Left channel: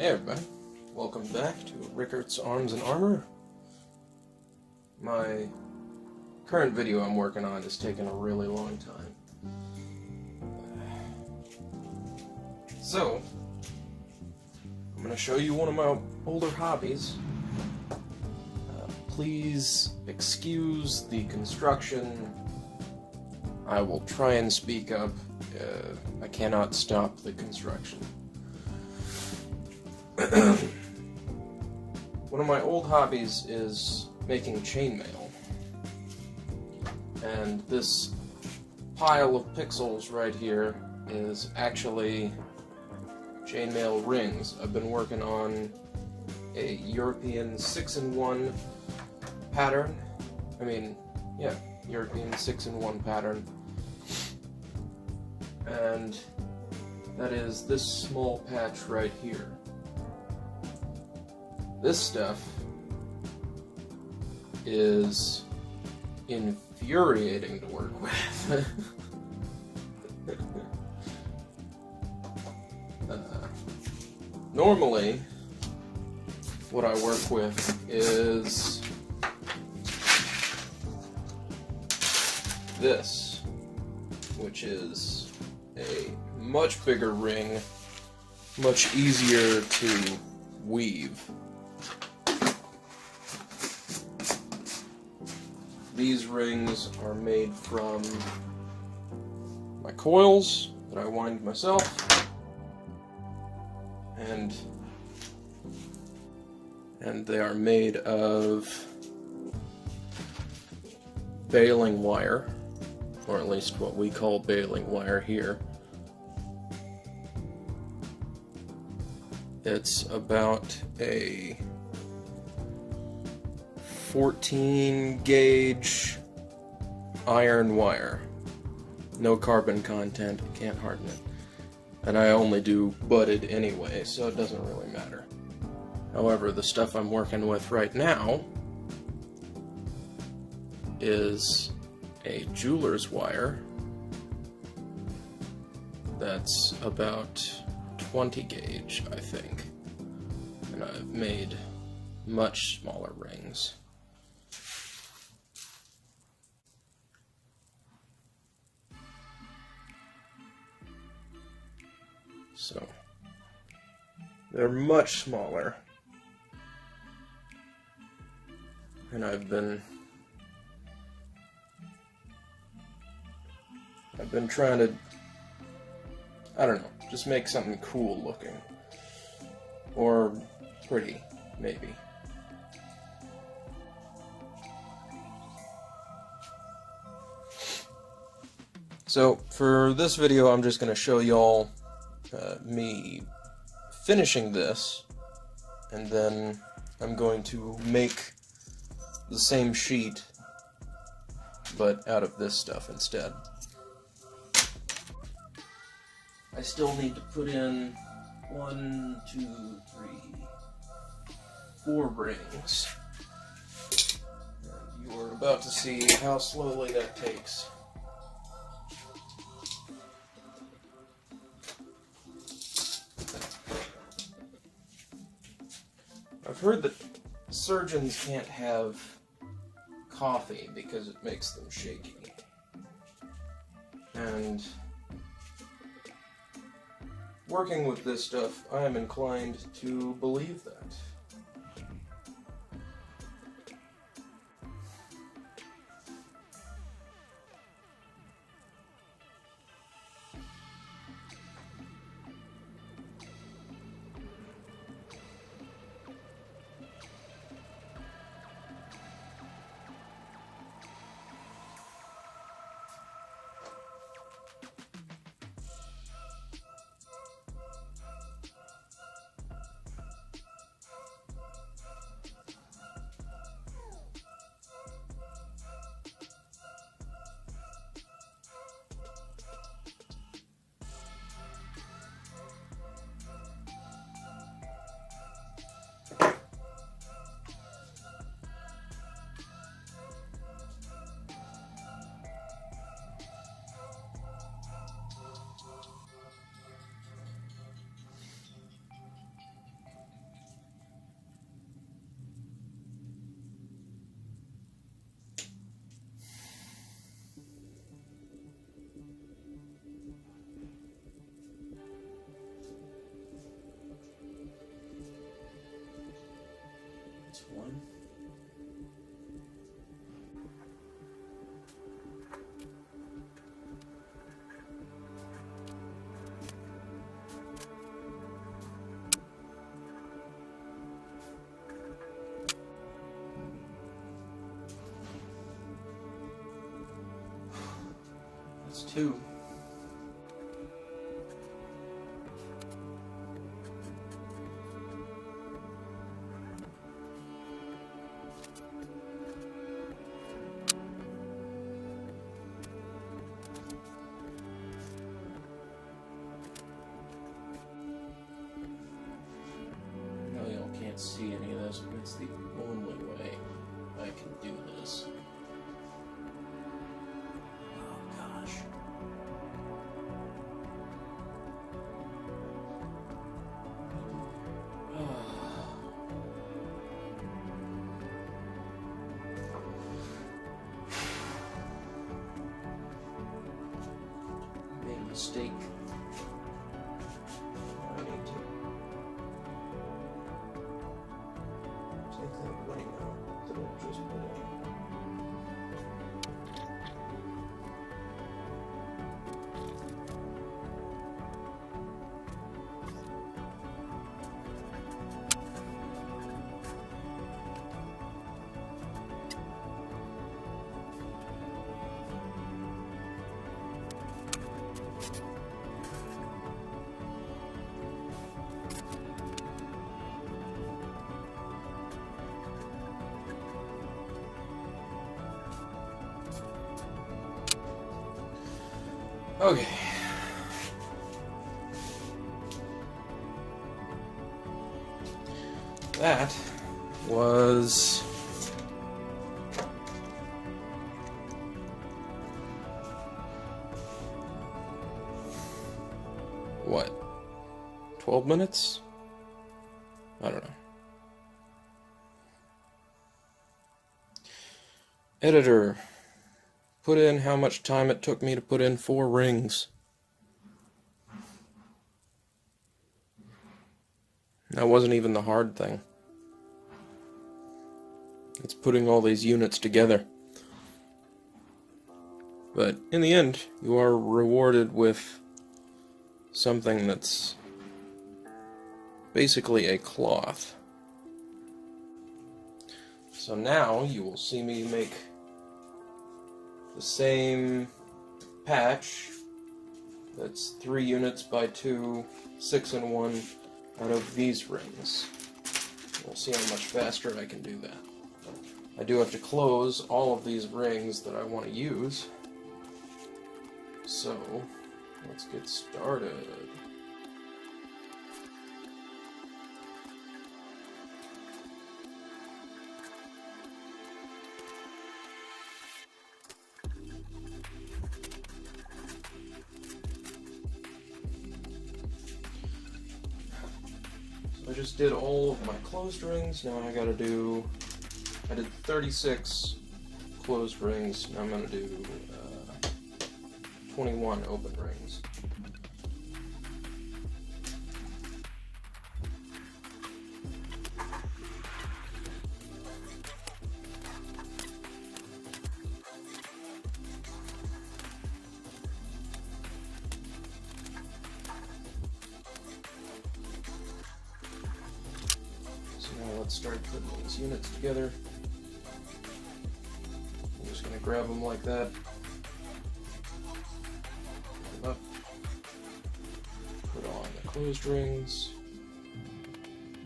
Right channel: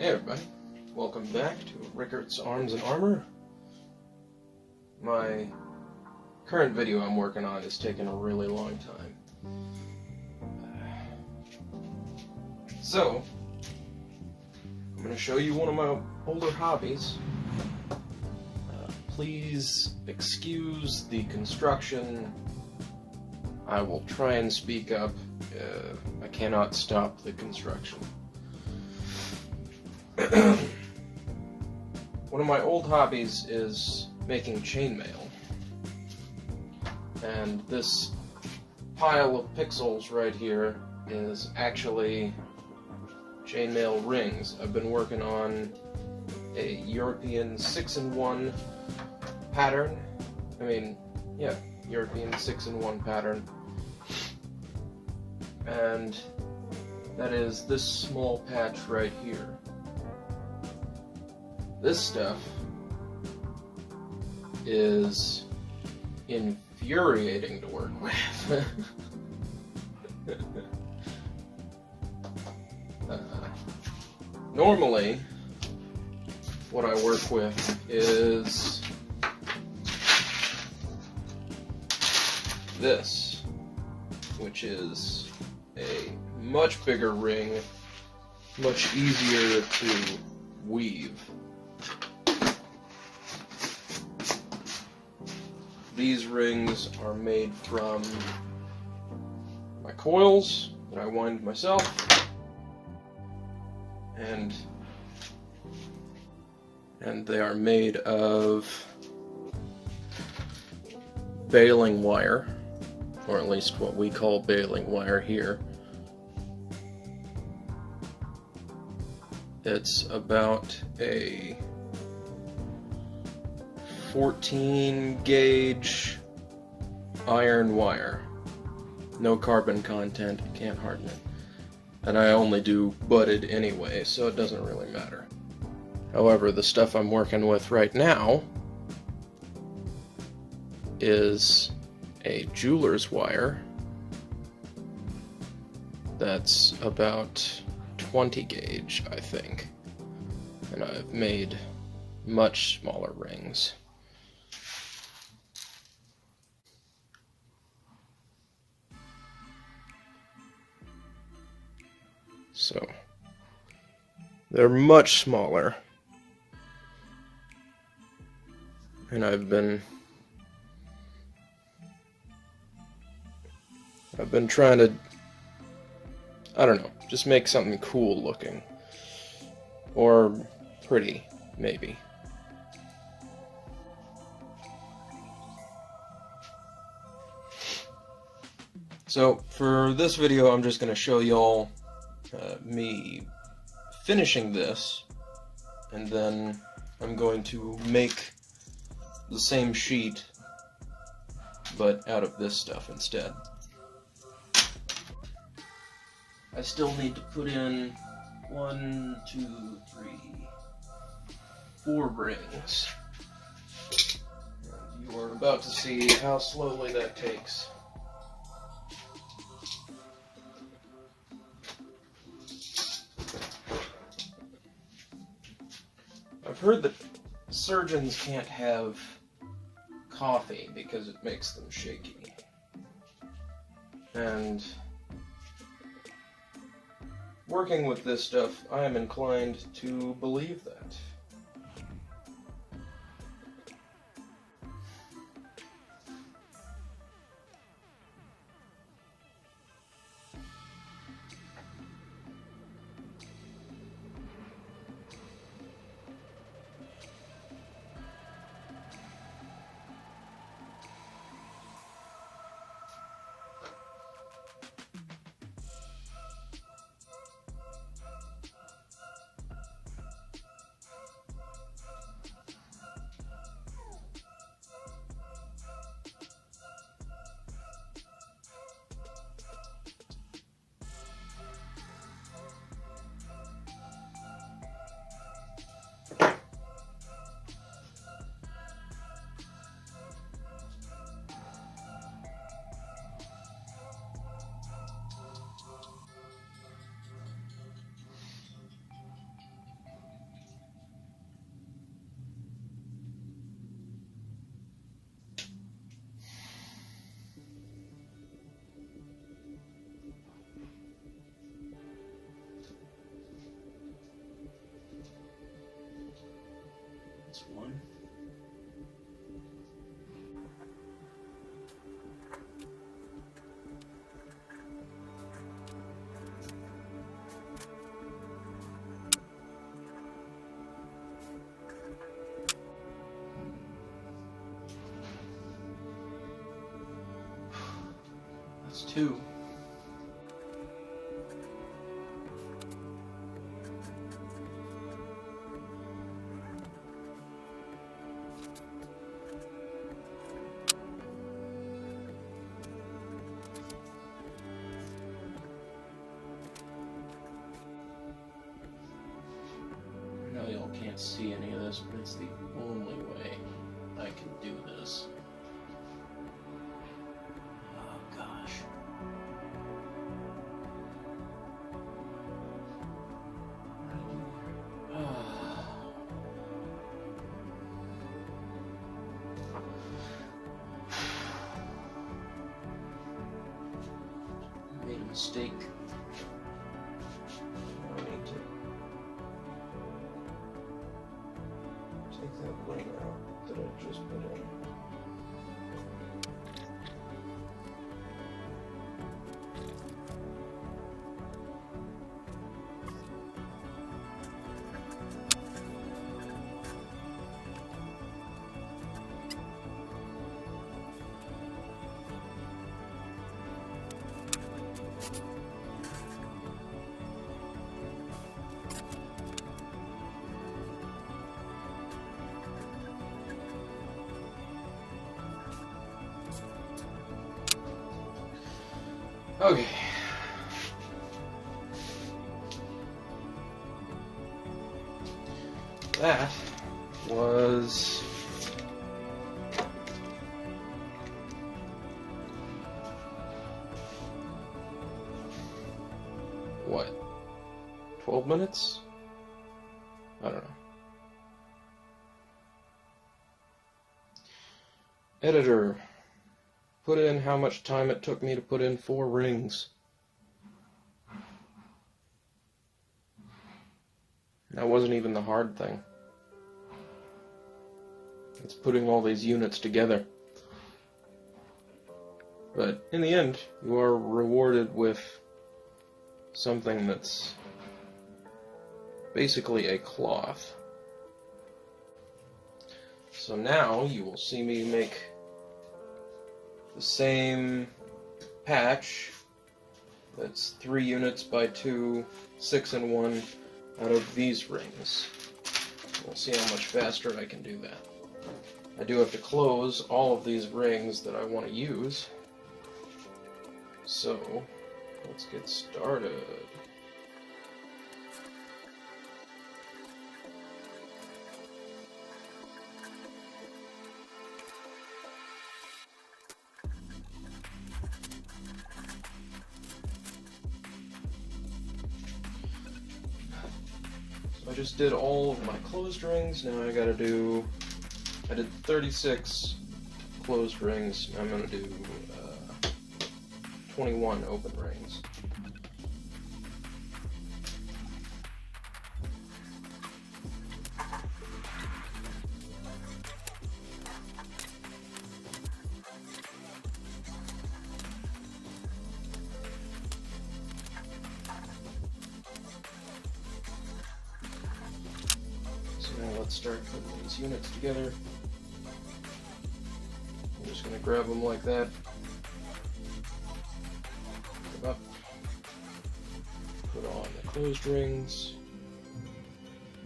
Hey everybody, welcome back to Rickart's Arms and Armor. My current video I'm working on is taking a really long time. So, I'm going to show you one of my older hobbies. Please excuse the construction. I will try and speak up. I cannot stop the construction. One of my old hobbies is making chainmail, and this pile of pixels right here is actually chainmail rings. I've been working on a European 6-in-1 pattern. European 6-in-1 pattern, and that is this small patch right here. This stuff is infuriating to work with. Normally, what I work with is this, which is a much bigger ring, much easier to weave. These rings are made from my coils that I wind myself, and they are made of baling wire, or at least what we call baling wire here. It's about a 14 gauge iron wire. No carbon content, can't harden it. And I only do budded anyway, so it doesn't really matter. However, the stuff I'm working with right now is a jeweler's wire that's about 20 gauge, I think. And I've made much smaller rings. So, they're much smaller, and I've been trying to, I don't know, just make something cool looking, or pretty, maybe. So, for this video, I'm just going to show y'all me finishing this, and then I'm going to make the same sheet but out of this stuff instead. I still need to put in 1, 2, 3, 4 rings, and you are about to see how slowly that takes. I've heard that surgeons can't have coffee because it makes them shaky. And working with this stuff, I am inclined to believe that. 2. Can't see any of this, but it's the only way I can do this. Oh gosh. Made a mistake. I need to take that ring out that I just put in. Okay. That was what? 12 minutes? I don't know. Editor, put in how much time it took me to put in 4 rings. That wasn't even the hard thing. It's putting all these units together. But in the end, you are rewarded with something that's basically a cloth. So now you will see me make the same patch that's 3 units by 2, 6 and 1 out of these rings. We'll see how much faster I can do that. I do have to close all of these rings that I want to use. So, let's get started. I just did all of my closed rings. Now I gotta do, I did 36 closed rings. Now I'm gonna do 21 open rings. Now let's start putting these units together. I'm just going to grab them like that. Pick them up. Put on the closed rings.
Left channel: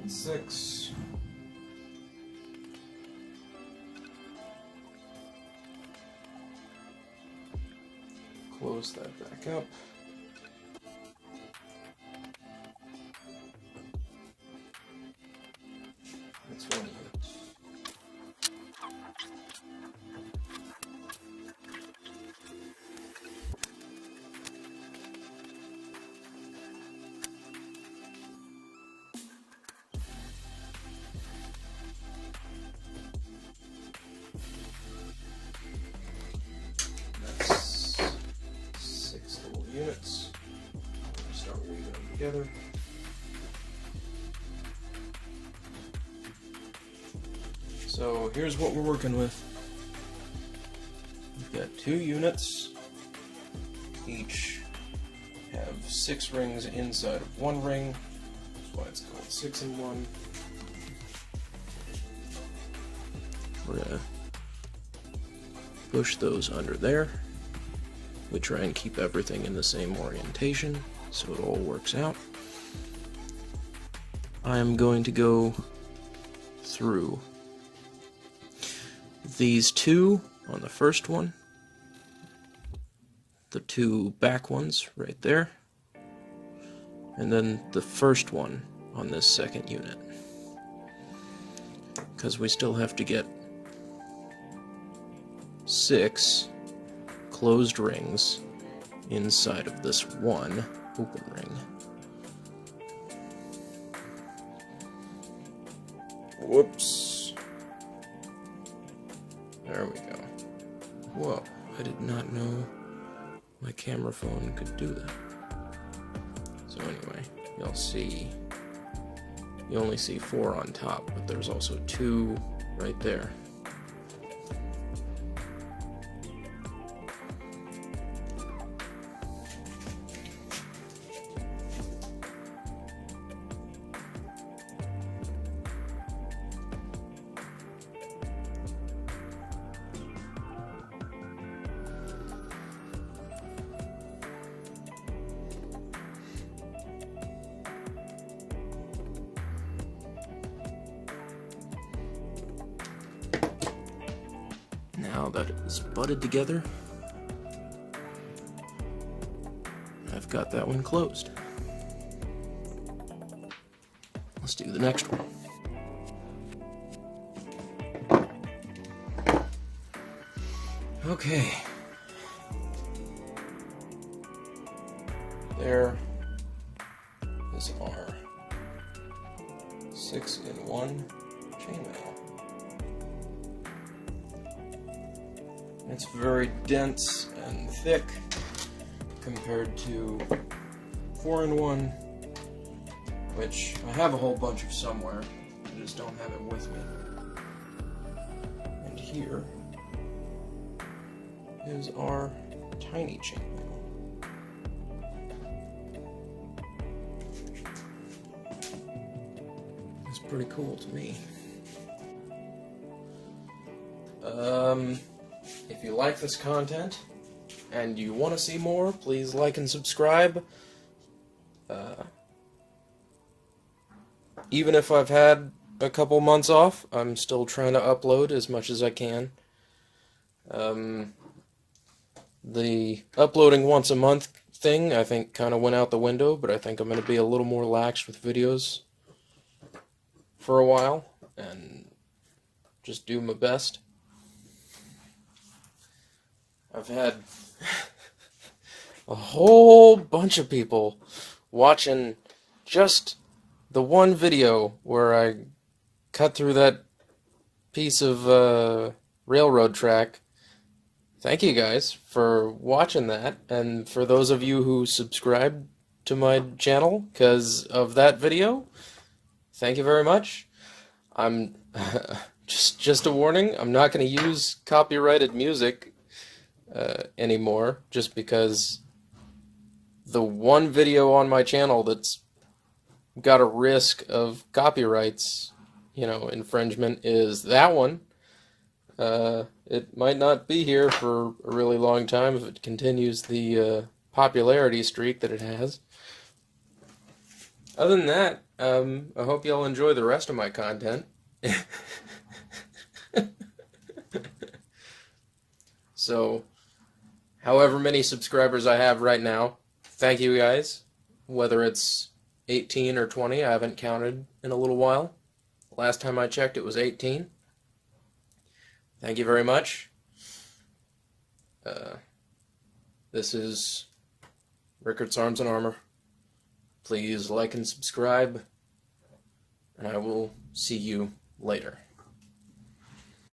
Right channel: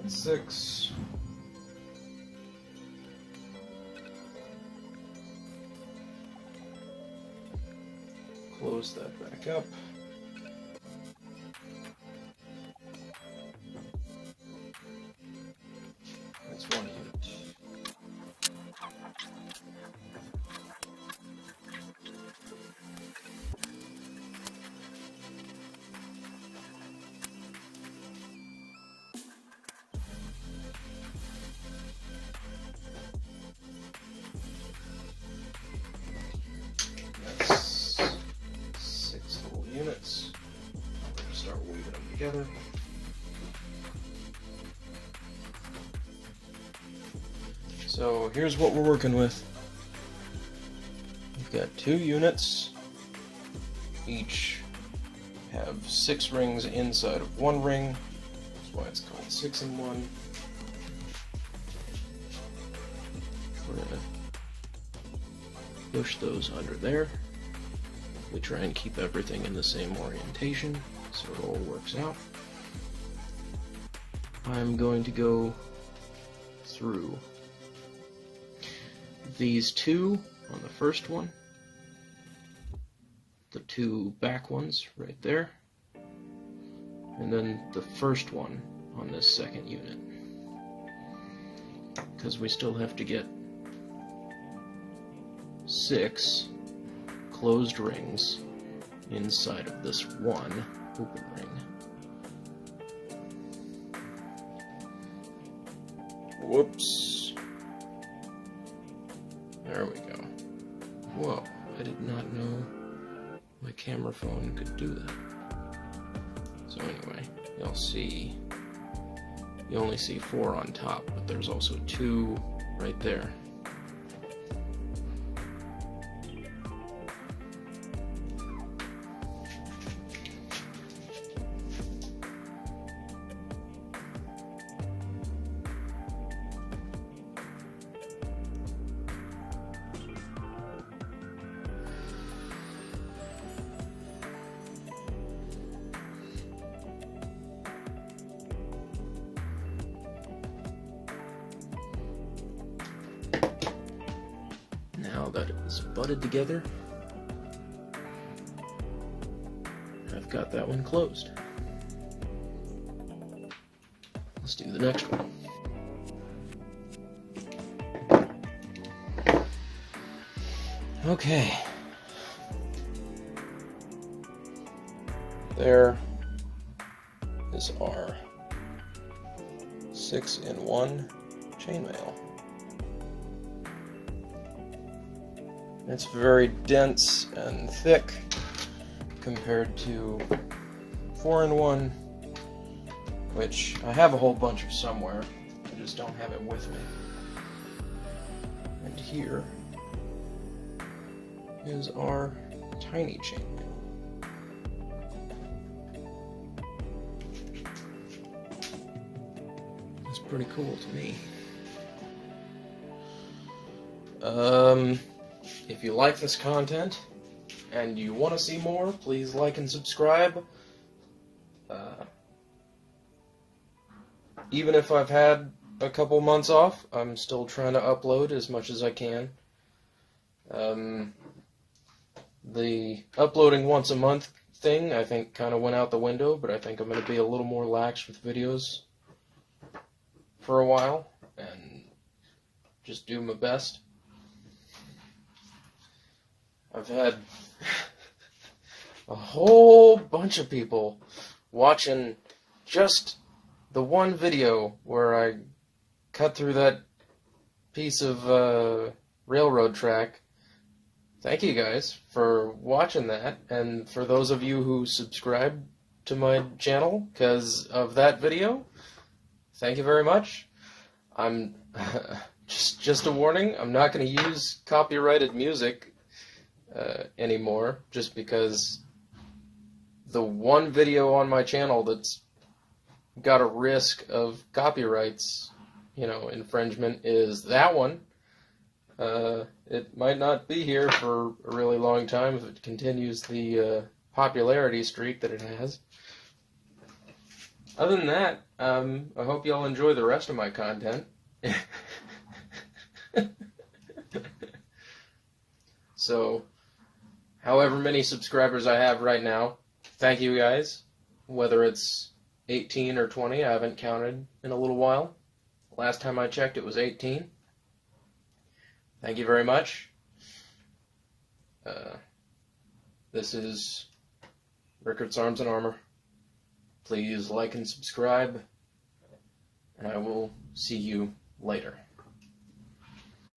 That's 6. Close that back up. That's 1 unit. That's 6 little units. I'm going to start weaving them together. So here's what we're working with. We've got 2 units. Each have 6 rings inside of 1 ring. That's why it's called 6 in 1. We're gonna push those under there. We try and keep everything in the same orientation so it all works out. I'm going to go through these two on the first one, the two back ones right there, and then the first one on this second unit, because we still have to get 6 closed rings inside of this one open ring. Whoops. There we go. Whoa, I did not know my camera phone could do that. So anyway, you'll see, you only see 4 on top, but there's also 2 right there. Now that it is butted together, I've got that one closed. Let's do the next one. Okay. There is our 6-in-1 chainmail. It's very dense and thick compared to 4-in-1, which I have a whole bunch of somewhere, I just don't have it with me. And here is our tiny chainmail. It's pretty cool to me. If you like this content and you want to see more, please like and subscribe. Even if I've had a couple months off, I'm still trying to upload as much as I can. The uploading once a month thing, I think, kind of went out the window, but I think I'm going to be a little more lax with videos for a while and just do my best. I've had a whole bunch of people watching just the one video where I cut through that piece of railroad track. Thank you guys for watching that, and for those of you who subscribed to my channel because of that video, thank you very much. I'm just a warning, I'm not going to use copyrighted music anymore, just because the one video on my channel that's got a risk of copyrights, infringement is that one. It might not be here for a really long time if it continues the popularity streak that it has. Other than that, I hope y'all enjoy the rest of my content. So, however many subscribers I have right now, thank you guys. Whether it's 18 or 20, I haven't counted in a little while. Last time I checked, it was 18. Thank you very much. This is Rickard's Arms and Armor. Please like and subscribe, and I will see you later.